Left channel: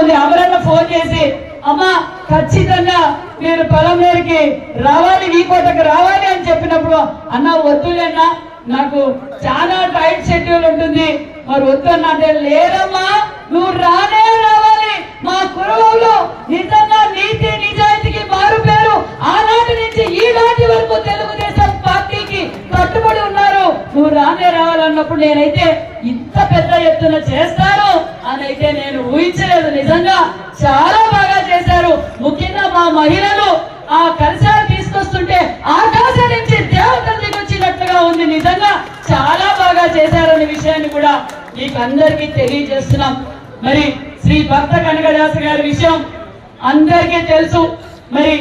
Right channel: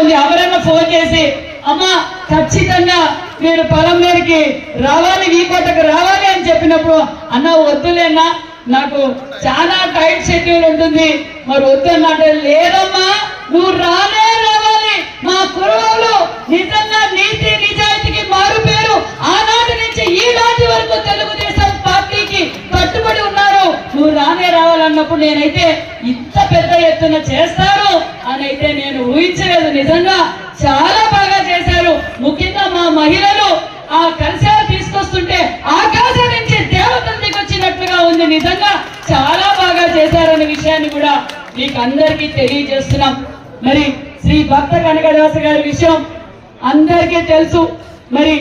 ఉంది. అమరన్న ఫోన్ చేసి అమ్మా ఖచ్చితంగా మీరు పొలంలోనికి రావాలి, వీకోటకు రావాలి అని చెప్పినప్పుడు అన్న వద్దులేనా, నాకు చాలా టైట్ షెడ్యూల్ ఉంటుంది, మరి వద్దు అన్నట్టే. లేదమ్మా నువ్వు రానే రావాలి, మా కురువులు నిజంగా నీతి నిజాయితీకి మారు పేరు, ఆనాటి నుంచి ఈ నాటి వరకు తెలుగుదేశం పార్టీకి కట్టుబడి ఉన్నారు, నువ్వు రానే రావాలన్నప్పుడు నేనైతే ఇంత పెద్ద ఎత్తున చేస్తాను అని అయితే నేను ఊహించలేదు. నిజంగా చాలా బాగా చేశారు. ముఖ్యంగా మా మహిళలు ఆ కలశాలు తీసుకొస్తుంటే ఆకాశం నుంచి దేవతలు దిగొచ్చినట్లుగా ఉంది. నిజంగా చాలా బాగా చేశారనే విషయాన్ని కూడా మీకు అందరికీ తెలియజేస్తున్నాం. మరి శ్రీ భక్త కనకదాస గారి విషయం అందరికీ తెలుసు. మరి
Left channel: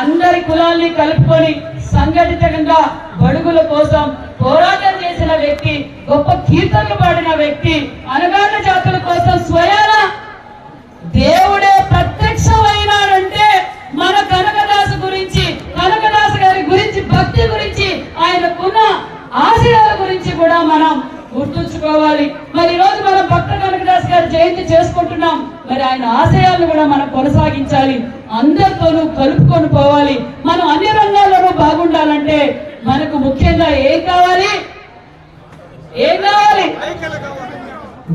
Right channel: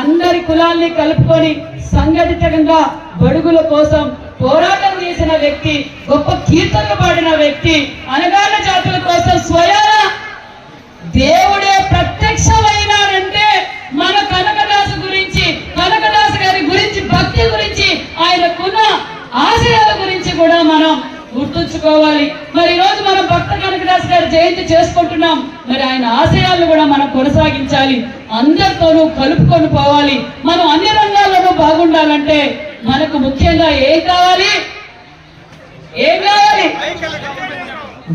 అందరి కులాల్ని కలుపుకొని సంఘటితంగా బడుగుల కోసం పోరాటం చేసిన వ్యక్తి, గొప్ప కీర్తనలు పాడిన వ్యక్తి, అనగాన జాతుల కోసం స్వయాన దేవుడే ప్రత్యక్షమైనాడంటే మన కనకదాసు గురించి, కనకదాస గారి గురించి, భక్తి గురించి, ఆయనకున్న ఆశయాల గురించి కూడా మనం గుర్తుంచుకోవాలి. మరి ఈ రోజు మనం భక్త కనకదాస్ గారి జయంతి చేసుకుంటున్నాం. మరి ఆయన ఆశయాలను కూడా మనం కొనసాగించాలి, అందరితోనూ కలుపుకొని పోవాలి. మనం అన్ని రంగాల్లోనూ బాగుండాలంటే మనకు ముఖ్యంగా ఏం కావాలి?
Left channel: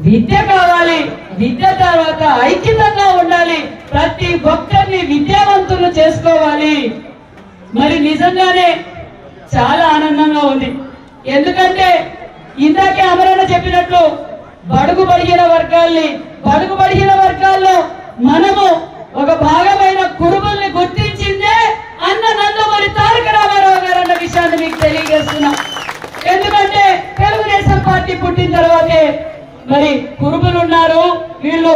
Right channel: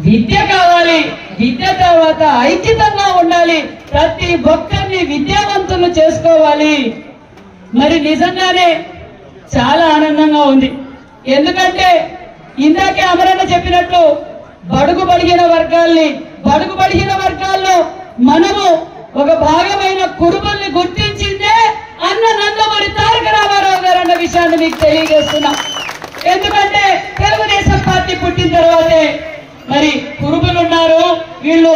విద్య కావాలి. విద్య తర్వాత ఐక్యతంగా ఉండాలి. ప్రతి ఒక్కరిని విద్యావంతులు చేసుకోవాలి. మరి నిజంగానే చాలా ఆనందంగా ఉంది. ఎందుకంటే ఇందాకే అమరన్న చెప్పినట్టు బడుగు బడిగిన వర్గాల్లో మనము ఒక భాగమైన కుటుంబాన్ని గుర్తించిందే అన్న నందమూరి తారక రామారావు గారు అన్న విషయాన్ని మీకు తెలియజేస్తున్నాం. ఎందుకంటే తెలుగుదేశం పార్టీ పుట్టిన తర్వాతే మరి కురుబులు ఉన్నారు. వీళ్ళు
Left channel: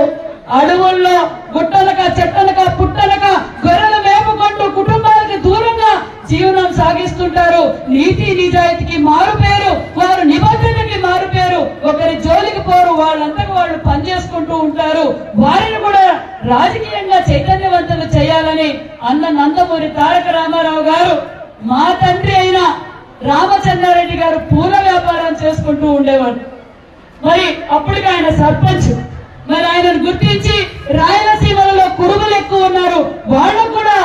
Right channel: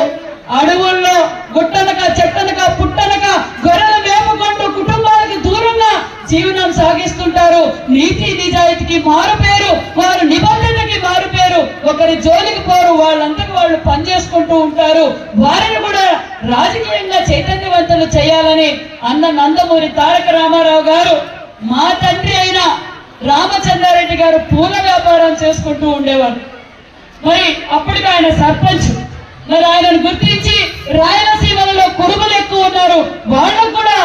అడవుల్లో గుట్టనక చెట్టనక పుట్టనక గొర్రెలు మేపుకుంటూ కుటుంబాలకు దూరంగా జీవనం సాగిస్తుంటారు. నీతి నిజాయితీకి మారు పేరు, వారు నిబంధనకి మారు పేరు, ఒకరి జోలికి పోరు, వాళ్ళందరూ వాళ్ళు పనిచేసుకుంటూ ఉంటారు. వారిని కూడా రాజకీయంగా చైతన్యవంతులు చేయాలని అన్న నందమూరి తారక రామారావు గారు, మా తండ్రి అయిన రామచంద్రారెడ్డి గారు పూల వ్యాపారం చేసుకుంటూ ఉండేవారు. మరి అప్పటికి ఆయన సర్పంచ్. మరి ఆయనను గుర్తించి రాయలసీమలలో కురుబులు ఎక్కువ ఉన్నారు, వాళ్ళకు కూడా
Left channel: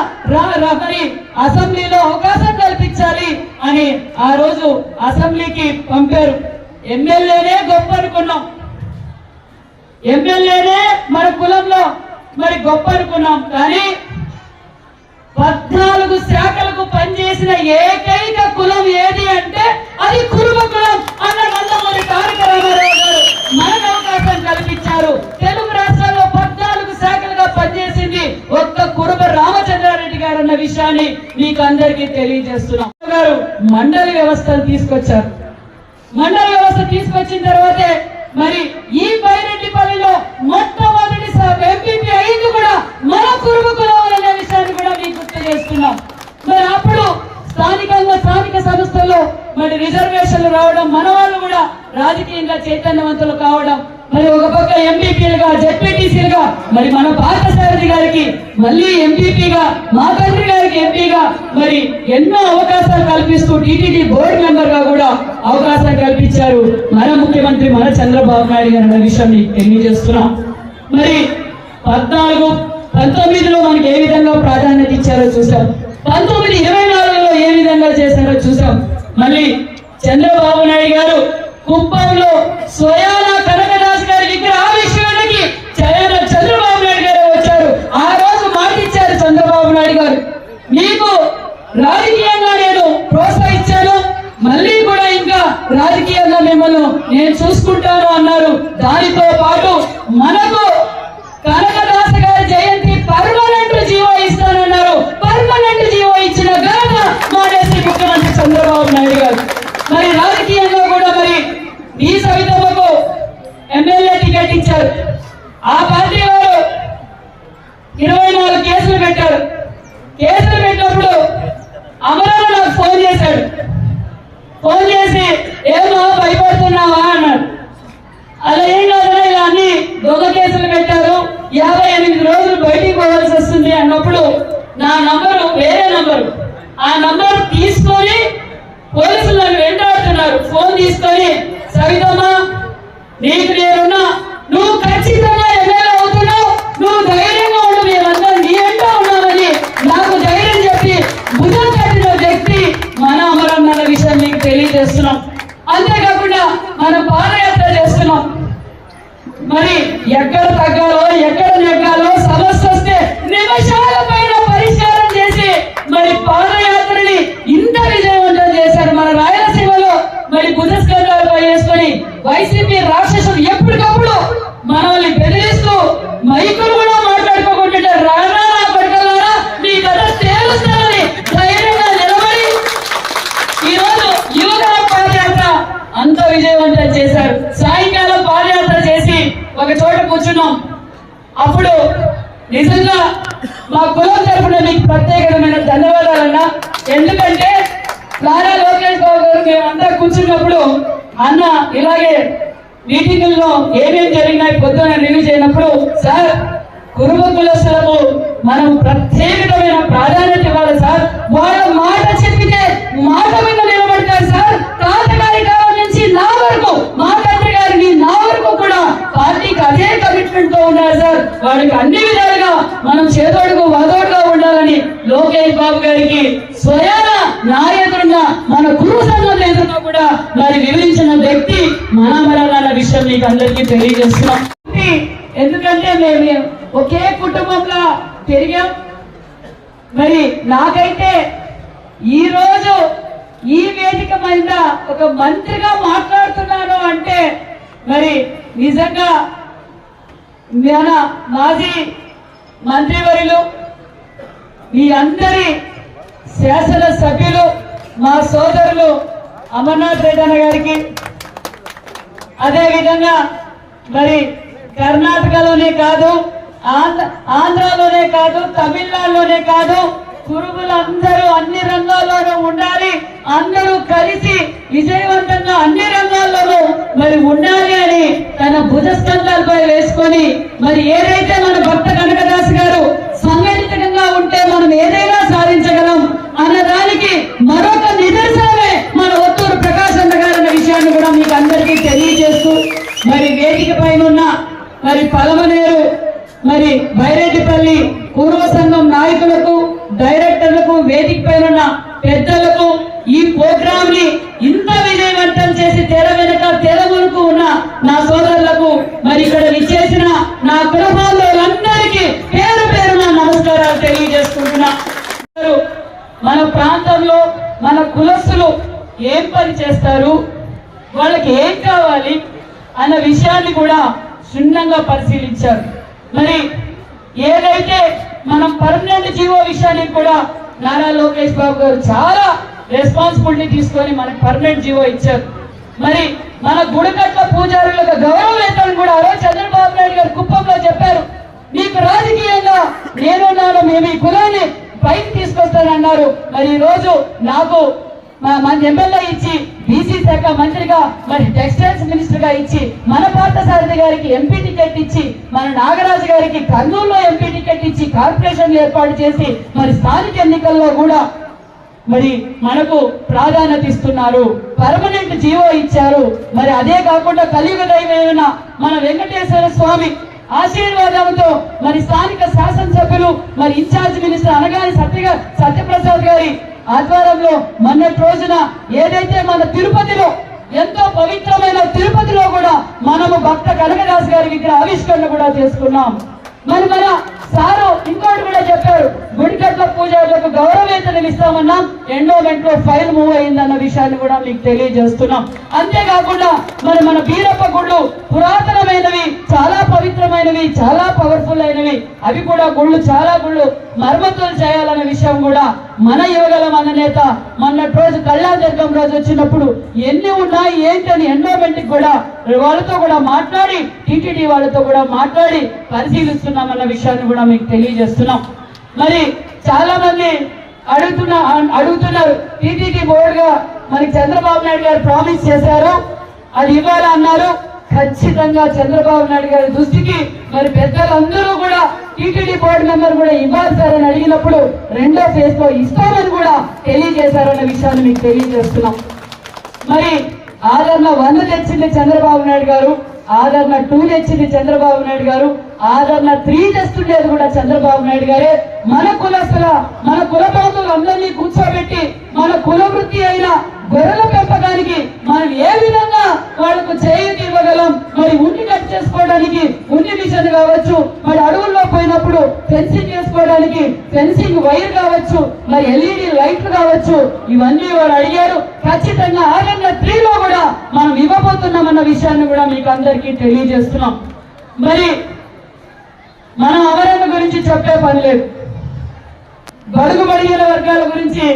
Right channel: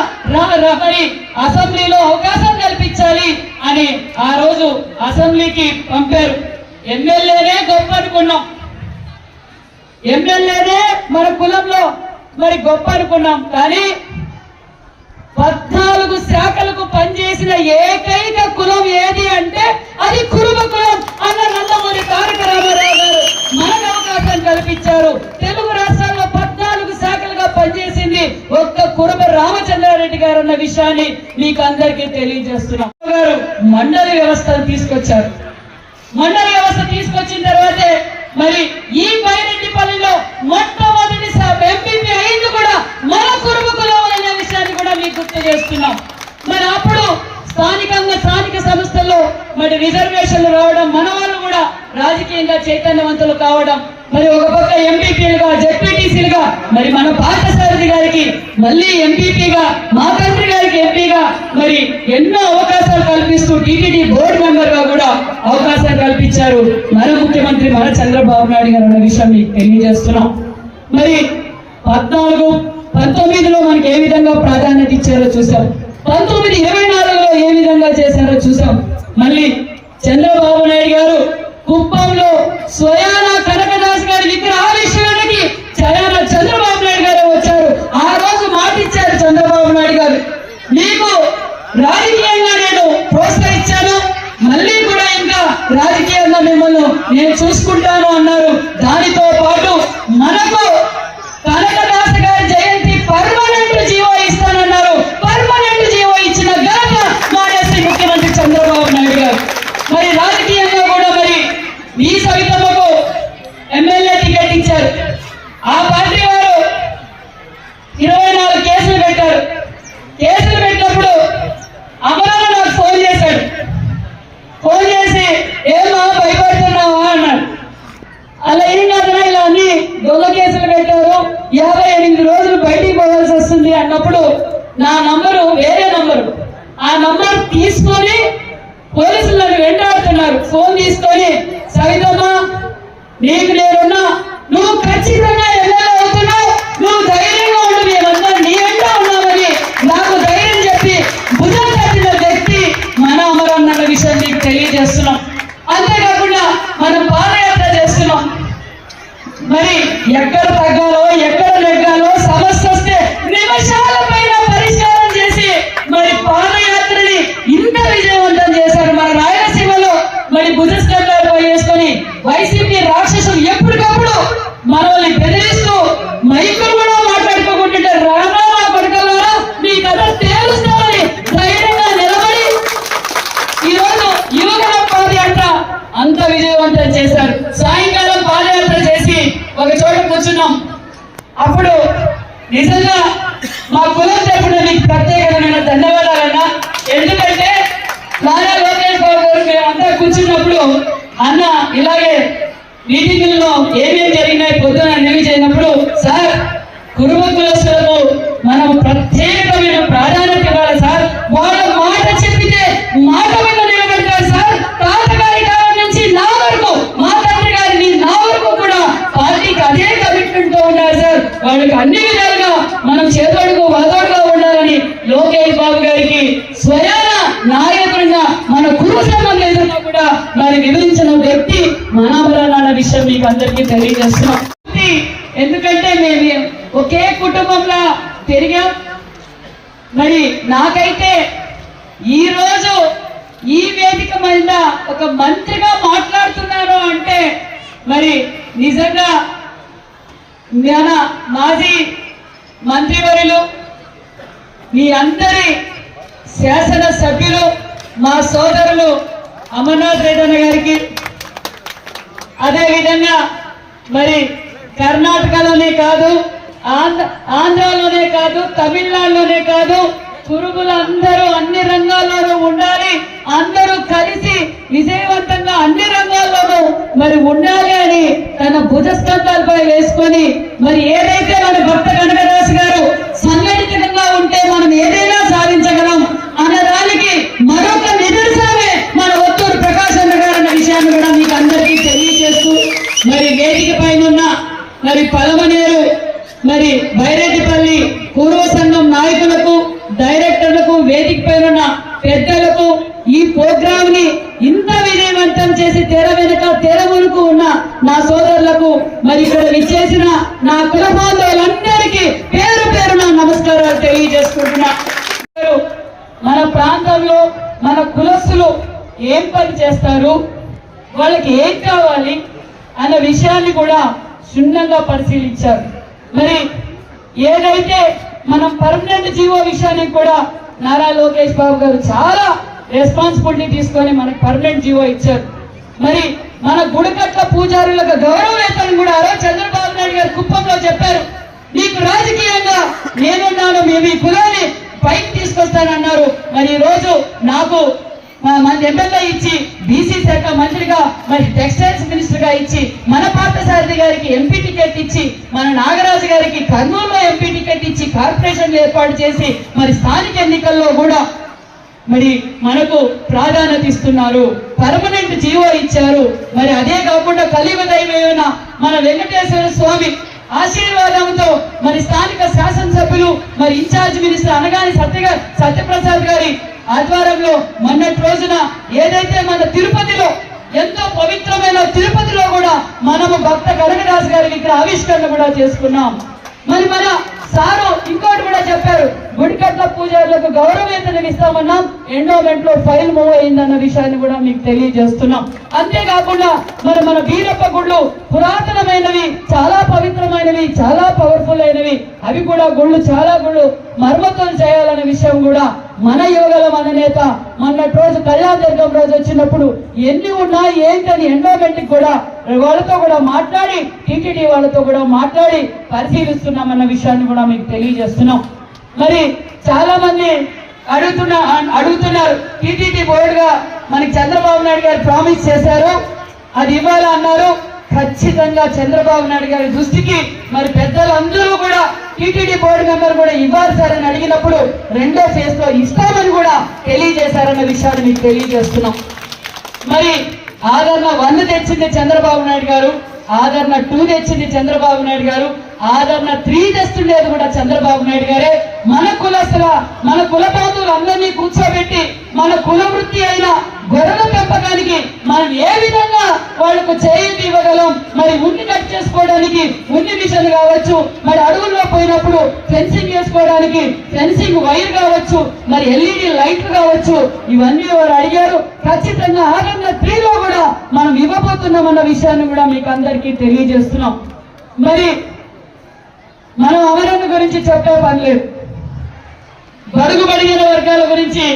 మరి అసెంబ్లీలో అవకాశం కల్పించాలి అని ఆ రోజు అసెంబ్లీకి పంపారు. ఎమ్మెల్యేనే గొప్ప అనుకున్నాం, ఎమ్మెల్యేనే మన కులంలో మరి గొప్ప అనుకున్నాం. కానీ 14 శాఖలకు పనిచేసిన ఏకైక కులం ఏది అంటే అది కురుబ కులం. అన్న నందమూరి తారక రామారావు గారు మనకు అవకాశం కల్పించారు. తెలుగు రాష్ట్రాల్లో 14 శాఖలుగా పనిచేసింది ఒక్క కురుబ రామచంద్రారెడ్డి గారు అన్న విషయాన్ని మీకు అందరికీ తెలియజేస్తున్నాం. గారు మండలి వ్యవస్థను తీసుకొచ్చారు. మండలి వ్యవస్థ తీసుకొచ్చిన తర్వాతే మరి ఈ బైరెడ్డిపల్లిలో మొట్టమొదటి ఎంపీపీ అయింది కూడా మన కురుబ కులం అనే విషయాన్ని కూడా మీకు గుర్తు చేస్తున్నాం. మరి అప్పుడు స్థానిక సంస్థల్లో మరి రిజర్వేషన్లు రావడం, మన వాళ్ళు కూడా రాజకీయంగా చైతన్యవంతులు కావడం, మరి ఒక పక్క ఎంపీపీలుగా జెడ్పీటీసీలుగా మరి మన పార్థసారథి గారికి మళ్ళీ ఎంపీపీగా, మా తండ్రి గారికి ఎంపీగా మరి ఎన్నో అవకాశాలు కల్పిస్తూ టీటీడీ బోర్డు మెంబర్ గా కూడా అవకాశం కల్పించారు మన ముఖ్యమంత్రి మన చంద్రబాబు నాయుడు గారు అన్న విషయం మీకు తెలియజేస్తున్నాం. మరి 14-19లో మనకి ఏ విధంగా ప్రాధాన్యత ఇచ్చారో చూసాం. 1924లో ఏ విధంగా చేశారో చూసాం. మళ్ళీ చంద్రబాబు నాయుడు గారు కుప్పంలో స్వయాన కనకదాస్ గారి విగ్రహావిష్కరణకి చంద్రబాబు నాయుడు గారు వచ్చారు. ఆ రోజు మాట ఇచ్చారు చంద్రబాబు నాయుడు గారు, మీకు రాజకీయంగా నేను ప్రోత్సహించాను, మళ్ళీ కూడా ఇంకా రాజకీయంగా మిమ్మల్ని నేను చూసుకుంటాను అన్నారు. దానితో పాటు మనకు కనకదాస గారి జయంతి పర్మనెంట్ జీవో ఇస్తానన్నారు. పర్మనెంట్ జీవో ఇచ్చిన ఘనత మాడేసి ముఖ్యమంత్రి చంద్రబాబు నాయుడు గారు. మరి రాజకీయంగా కూడా మరి ఈ సవితమ్మకు ఎమ్మెల్యే టికెట్ ఇచ్చారు. ఆ పార్టీ వారు 24 కేసులు పెట్టారు. కేసులు పెట్టినప్పుడు అమరన్న నాకు ఫోన్ చేశాడు. ఫోన్ చేసి ఏమో భయపడుతున్నావా అన్నాడు. అలా ఏం కాదన్నా, ఇలా అన్ని దొంగ కేసులు పెట్టారు, 50 వచ్చినప్పుడు నిజంగా మా కులం తరపున మీకు ప్రత్యేకమైన ధన్యవాదాలన్నా. ఎందుకంటే నారా లోకేష్ బాబు గారు మేము అంతా కూర్చున్నప్పుడు అన్న ఇలాగే మీటింగ్ లో ఏమేమి జరిగినాయి పొద్దున రిలీజ్ అయినప్పుడు, సార్ కుటుంబ కులస్తులకు మనం ప్రత్యేకమైన ప్రాధాన్యత ఇవ్వాలి సార్. వాళ్ళ మాట చెప్పితే మాట మీద నిలబెడతారు సార్. తాతగారి కాలం నుంచి నా వరకు, మా తండ్రి గారిని నా వరకు కూడా పార్టీకి అదే కమిట్మెంట్ తో ఉన్నారు సార్. వాళ్ళకి అన్ని విధాలుగా మనం చేదోడుగా వదోడుగా ఉండాలని లోకేష్ బాబు గారికి స్వయాన నాయకుడిగా మన కుటుంబ సంఘం ఏదన్నా కూడా మరి వివరించిన వ్యక్తి మహాబరాల విషయం మీకు అందరికీ తెలియజేస్తున్నాం. ఎందుకంటే మేము ఒకే కుటుంబంలో పెరిగాం. మరి నాకైతే ఈ రోజు ఈ వేదిక మీద ఒక మంత్రిగా మాట్లాడుతున్నాను అంటే మరి నిజంగా మన మాజీ మంత్రివర్యులు, మీ అందరి శాసన సభ్యులు, మా సోదరులు అమర్నాథ్ రెడ్డి అన్న గారికి, అదేవిధంగా మరి కర్ణాటకలోనే కాదు, ఆంధ్రాలోనే కాదు, తమిళనాడులోనే కాదు, పురుగులందరూ అన్ని రంగాల్లోనూ ఉండాలి, అందరూ కలిసి విజయవంతంగా అన్ని రంగాల్లోనూ మరి ఉండాలి అని తన భుజస్కంధాలపై వేసుకొని మరి ఏదైతే మన భక్త కనకదాస్ గారు సంఘటితంగా ఉంటే మనం ఏదైనా సాధించగలం అన్నదానికి మరొక నిదర్శనమే మన ఒత్తూరు ప్రకాశం గారు అన్న విషయాన్ని కూడా మీకు అందరికీ తెలియజేస్తూ, మరి వేదిక పైన మరి పలమనేరు మరి భైరెడ్డిపల్లి పూర్వ సంఘం నాయకులకు, డైరెక్టర్లకు, వేదిక పైన పెద్దలకు, ఈ ప్రోగ్రామ్ ని ఇంత విజయవంతం చేసి తెర వెనుక తెర వెనుక ఉన్న నా సోదరులకు, మరి ఇక్కడ విచ్చేసిన నా కులబాంధవులందరికీ పేరు పేరున నమస్కారాలు తెలియజేసుకుంటున్నా. మన ప్రాంతంలో మన కులస్తులు ఏం పని చేస్తారు, వాళ్ళకి ఏం కావాలి అన్న విషయాన్ని కూడా క్షుణ్ణంగా పరిశీలించారు. మరి ఏదైతే మనం పర్మనెంట్ జీవో విషయానికి కూడా నారా లోకేష్ బాబు గారు చాలా రెస్పాన్సిబిలిటీ తీసుకొని మనకు పర్మనెంట్ జీవో ఇచ్చారు. మరి మన గుడికట్ల పూజారులకు గౌరవ వేతనం కూడా చంద్రబాబు నాయుడు గారు కుప్పంలో చెప్పారు, మీకు రాజకీయంగా నేనున్నాను, మేము ఈ కులాన్ని పైకి తీసుకొస్తానన్నారు. మరి ఈ రోజు నాకు మన ఎమ్మెల్యే ఇచ్చి, బీసీ శాఖ మంత్రిగా, మరి టెక్స్టైల్స్ మినిస్టర్ గా ఇచ్చి, మన పార్థసారథి గారికి ఎంపీ టికెట్ ఇచ్చి, మన నాగరాజు గారికి కర్నూలులో ఎంపీ టికెట్ ఇచ్చి కార్పొరేషన్ ఏర్పాటు చేసి మరి స్థానిక ఎన్నికల్లో కూడా మరి మనకు ప్రాధాన్యత ఇస్తున్నారు, పర్మనెంట్ జీవో ఇచ్చారు. మరి అదే కాకుండా కలియుగదైన మన వెంకటేశ్వర స్వామి ఆశీర్వాదంతో మరి స్థానిక శాసనసభ్యులు, మరి ఇన్ఛార్జ్ మినిస్టర్ అనగాని సత్యప్రసాద్ గారి ఆధ్వర్యంలో మొన్నటి రోజున ఏదైతే మన తిరుపతిలో ఎంతో పవిత్రమైన తిరుపతిలో కూడా మనము భక్త కనకదాస్ గారి విగ్రహ ఆవిష్కరణ కూడా చేసుకున్నాం. మరి మన సారు ఇంకోటి కూడా చెప్పారు, గుడికట్ల పూజలకు గౌరవ వేతనం ఇస్తామన్నాం, ఎండోమెంట్ లో ఫైల్ మూవ్ అయిందన్న విషయాన్ని కూడా మీకు తెలియజేస్తున్నాం. అంతేకాకుండా మరి మన బీరప్ప గుళ్ళు పురాతనమైనవి, చాలా పవిత్రమైనవి, చాలా పవర్ఫుల్ అయినవి, అవి కూడా గుళ్ళు చాలా గుళ్ళు మరమ్మతులు చేయాలనే విషయం కూడా మన యువగల మన నేత మొన్నటి రోజు కళ్యాణదుర్గం రోజు వచ్చినప్పుడు ఎన్ని ఉన్నాయి ఏంటని ఎండోమెంట్ కూడా వాళ్ళతో కూడా మాట్లాడి, టీటీడీ వాళ్ళతో కూడా మాట్లాడి పరిశీలిస్తున్నామన్న విషయాన్ని కూడా మీకు తెలియజేస్తున్నాం. మరి చాలా మంది అడుగుతున్నారు, టీటీడీ బోర్డుగా మనకి చంద్రబాబు నాయుడు గారు ప్రామిస్ చేశారు, అది ఇవ్వాలి అన్నారు. ఖచ్చితంగా చంద్రబాబు నాయుడు గారి దృష్టికి మరి పెద్దలందరూ కూడా టీటీడీ బోర్డు మెంబర్ కూడా ఇవ్వాలి సార్ అని అడిగినప్పుడు రెండో ఫేజ్ లో ఇస్తామని కూడా తెలియజేశారన్న విషయాన్ని మీకు తెలియజేస్తున్నాం. మరి ఆదరణ 1 తెచ్చింది చంద్రబాబు నాయుడు గారు, ఆదరణ 2 తెచ్చింది చంద్రబాబు నాయుడు గారు, ఆదరణ 3 తెస్తుండేది కూడా చంద్రబాబు నాయుడు గారే. మన కులస్తుల, మన కుల బాంధవులు అందరినీ కూర్చోబెట్టి మన కుల వృత్తి అయిన గొర్రెల పెంపకానికి మనం ఏ విధంగా వాళ్లకు చేయూతి ఇవ్వగలం, మరి ఉన్ని కట్ చేసుకోవడానికి ఉన్ని మిషన్ కావచ్చు, మరి అడవుల్లో పోయినప్పుడు ఫెన్సింగ్ వేసుకోవడానికి ఫెన్సింగ్ వైర్ కావచ్చు, మరి ఎల్ఈడి లైట్లు కావచ్చు, ఇవన్నీ వాడు అడిగారు. ఖచ్చితంగా ఆదరణ 3లో కూడా మనం ఇవ్వబోతున్నాం అన్న విషయాన్ని కూడా మీకు అందరికీ తెలియజేస్తున్నాం. మరి మనం అమరన్న గురించి చెప్పే పని లేదు, బడుగు బడిగిన వర్గాల గురించి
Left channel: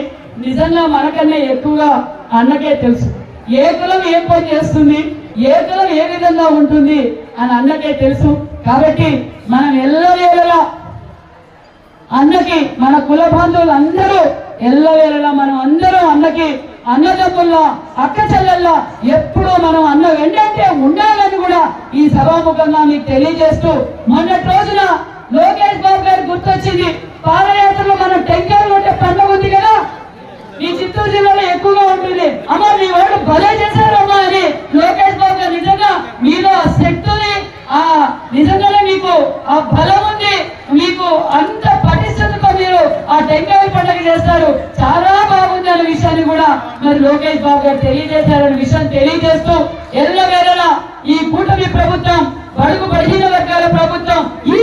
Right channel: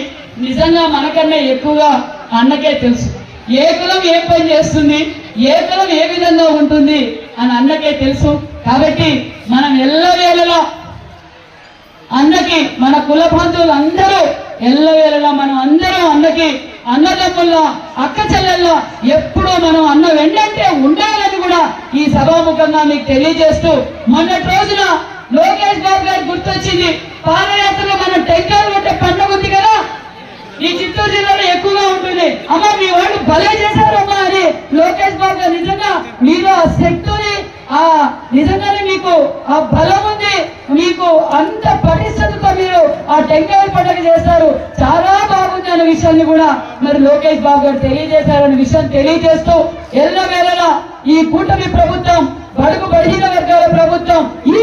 నిజంగా మనకన్నా ఎక్కువగా అన్నకే తెలుసు. ఏ కులం ఏం పని చేస్తుంది, ఏ కులం ఏ విధంగా ఉంటుంది అని అన్నకే తెలుసు. కాబట్టి మనం అన్నకి మన కుల బంధువులు అందరూ ఎల్లవేళలా మనం అందరం అన్నకి అన్నదమ్ముల్లో అక్క చెల్లెల్లో ఎప్పుడూ మనం అన్న వెంటంటే ఉండాలని కూడా ఈ సభాముఖంగా మీకు తెలియజేస్తూ మొన్నటి రోజున లోకేష్ బాబు గారు గుర్తొచ్చింది. పాదయాత్రలో మన టెంకాయలు ఉంటే పండుగ ఉంది కదా, ఈ చిత్తూరు జిల్లాలో ఎక్కువగా ఉంటుంది. అమ్మా మీ వాళ్ళు భలే చేశారమ్మా అని లోకేష్ బాబు గారు నిజంగా మీరు ఆ శక్తిని నిజంగానే మీకు ఆ బలం ఉంది, మీకు అంత పటిష్టతతో మీరు ఆ టెంకాయ పండుగ చేస్తారు, చాలా బాగుంది అనే విషయాన్ని కూడా మరి లోకేష్ బాబు గారు తెలియజేశారనే విషయం తెలియజేస్తూ ఎల్లవేళలా ఈ కూటమి ప్రభుత్వం బడుగు బడిన వర్గాల ప్రభుత్వం, ఈ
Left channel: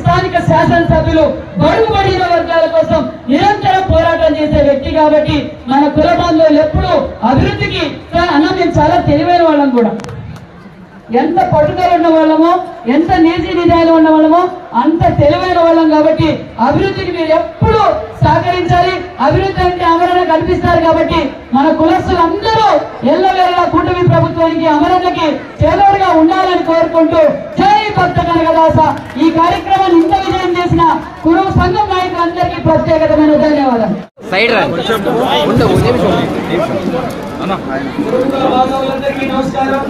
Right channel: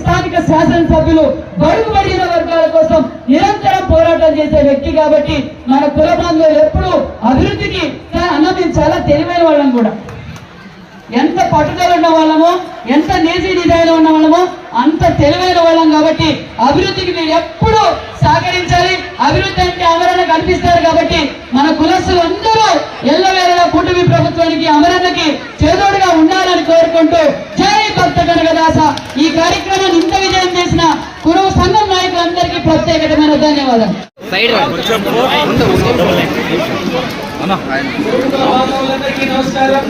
స్థానిక శాసనసభ్యులు బడుగు బడిన వర్గాల కోసం నిరంతరం పోరాటం చేసే వ్యక్తి కాబట్టి మన కుల బంధువులు ఎప్పుడు అభివృద్ధికి అన్న మేము చాలా తెలివైన వాళ్ళం కూడా, ఎంత పట్టుదల ఉన్న వాళ్ళమో ఎంత నీతి నిజాయితీ ఉన్న వాళ్ళమో అంత తెలివైన వాళ్ళం కాబట్టి అభివృద్ధికి మీరు ఎప్పుడు సహకరించాలి. అభివృద్ధి అంటే అమరణ కల్పిస్తారు కాబట్టి మన కులస్తులు అందరూ ఎల్లవేళలా కూటమి ప్రభుత్వానికి అమరణకి చేదోడుగా ఉండాలని కోరుకుంటూ జై భక్త కనకదాస. ఈ కార్యక్రమాన్ని ఇంత విజయం చేసిన కురువు సంఘం నాయకులందరికీ ప్రత్యేకమైన ధన్యవాదాలు. నమస్కారం.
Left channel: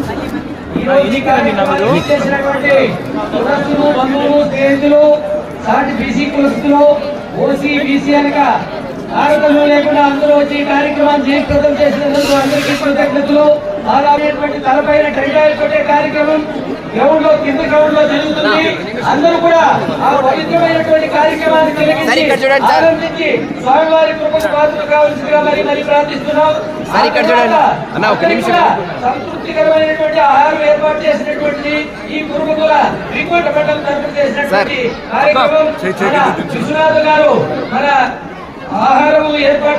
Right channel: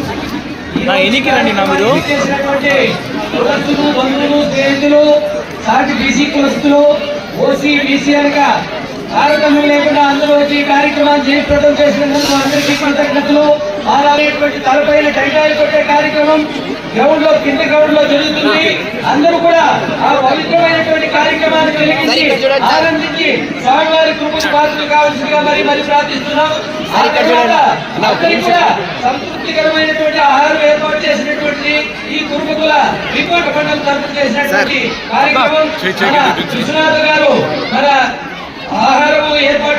స్నేహితులు సాటి బీసీ కులస్తులు ఓసీ బీసీలుగా తారతమ్యం లేకుండా అందరూ వచ్చి ఈ కార్యక్రమాన్ని జయప్రదం చేసినందుకు అందరికీ కృతజ్ఞతలు. అలాంటి తలపైన టెంకాయలు కొట్టే కార్యక్రమం గ్రౌండ్లో కింద గ్రౌండ్లో జరుగుతుంది. అందరూ కూడా ఆ పవిత్రమైనటువంటి కార్యక్రమాన్ని ఆనందించి స్వామివారి కృపకు పాత్రలు కావాల్సిందిగా మరి ప్రార్థిస్తున్నాం. సంతృప్తికరమైనటువంటి ఆహారం ఏర్పాటు చేసినటువంటి ఈ కుటుంబకుల విపుల పండుగ తరపు చేసినటువంటి కార్యక్రమం విశ్వనాథ్ గారు మన ఆహారం ఏర్పాటు